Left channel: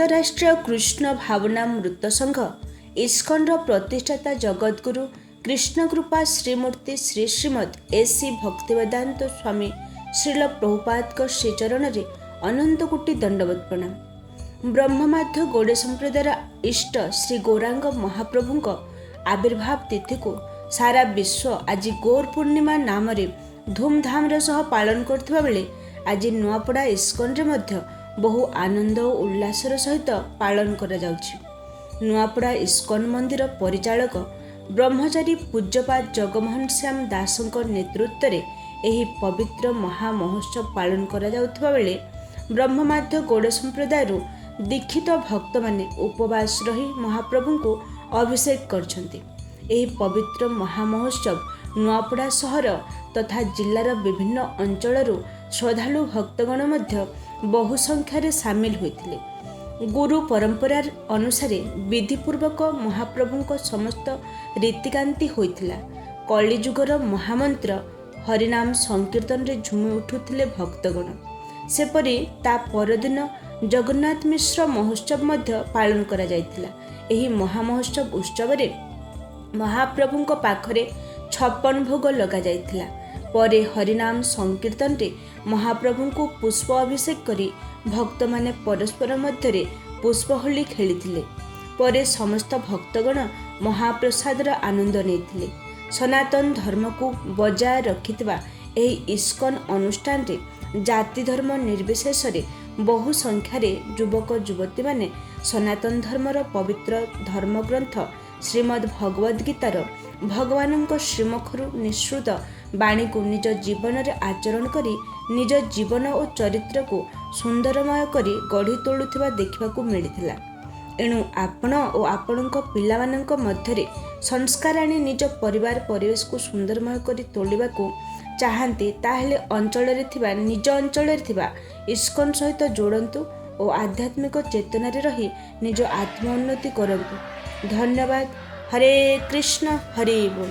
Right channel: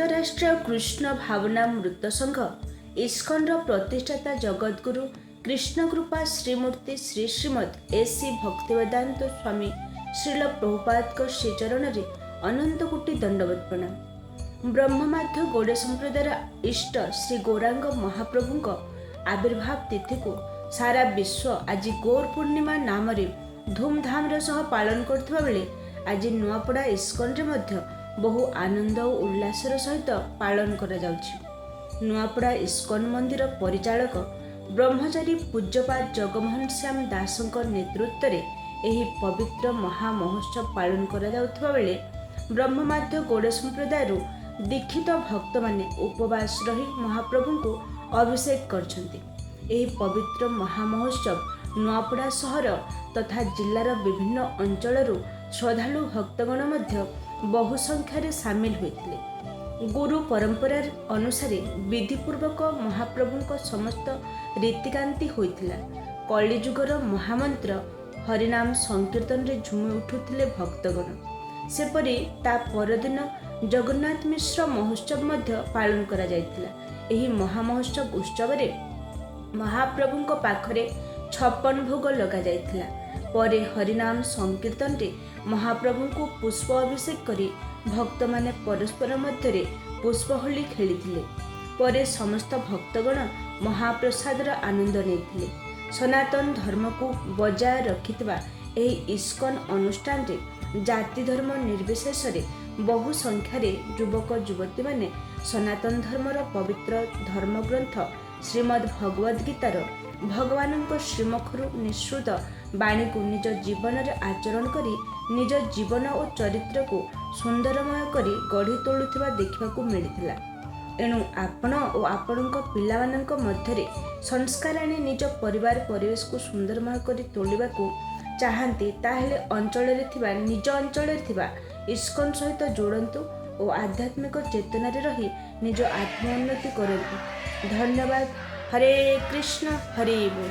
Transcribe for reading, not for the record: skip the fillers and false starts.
अंतरराष्ट्रीय कृष्ण भावनामृत संघ इस्कॉनर प्रतिष्ठाता जगद्गुरु कृष्णकृपा श्रीमूर्ति श्री श्रीमद एसी भक्तिवेदांत स्वामी श्रील प्रभुपाद श्रीचरण अनंत कोटि दंडवत प्रणाम। ब्रह्ममाध्य गौड़ संप्रदायर इष्ट श्री गौरांग महाप्रभु आविर्भाव तिथि को सारा विश्व आज गौर पूर्णिमा नाम धूमधाम सह पालन करथिबा बेले आज नुआपड़ा इस्कॉन रे मध्य बहु आनंद और उल्लासर सहित पालन करा जाउछि। नुआपड़ा इस्कॉन मंदिर परिचालक ब्रह्मचारी पूज्यपाद जगमोहन श्याम दासଙ୍କ नेतृत्व में एही पवित्र महामहोत्सव पालन करा जाउथिबा बेले ब्रह्ममाध्य गौड़ संप्रदायर दीक्षित भक्त माने उपवास रही महाप्रभु को अभिषेक करछन्ति। एही पवित्र महामहोत्सव नुआपड़ा सहर तथा जिल्लार विभिन्न अंचलरू श्रद्धालु भक्तगण मध्य बहु संख्यार सामिल होते। गुरु परंपरार अनुसार विधिपूर्वक महाप्रभु समस्त रीतिकांति होइतिला। कलिजुगर महामंत्र हरिनाम संकीर्तन रे झुमी उठुथिले भक्तगण। सेपरि ता परदिन जगन्नाथ मिश्र महोत्सव मध्य पालन करा जायतिला। एही महामहोत्सव उत्सव रे महाप्रभु पाखरे 56 भोग लगा जायतिला। परे हरिनाम संकीर्तन रे महाप्रभु को पुष्प अभिषेक करी भक्त माने परस्पर मध्य पुष्पहोली खेलिथिले। परे समस्त भक्तगण महाप्रसादर आनंद नेथिले। सनातन धर्म को बजाय रखिथिबा एही इस्कॉन अनुष्ठान रे जाति धर्म निर्विशेष रे बहु संख्यार युवक युवती माने सनातन धर्मर पवित्र धर्मग्रंथ श्रीमद् भगवद गीतार भगवान श्रीमुखर निःसृत बाणी को निज जीवन में आचरण करी निज जीवन और चरित्र को सुंदरमय करी गढ़ी तोलुथिबा देखिबाकू मिलिथिला। एणु आपण और आपणक पिलामानंक मध्यरे संस्कार आनी निज परिवार परिवेश को सुंदरमय करी तोलिबाकू चाहन्ति ताहेले अंचल रे थिबा निज अंचल रे थिबा इस्कॉन सहित जोड़न्तु और आध्यात्मिक चेतना रे रही निज आत्मोन्नति करन्तु। धन्यवाद। हरे कृष्ण हरे बोल।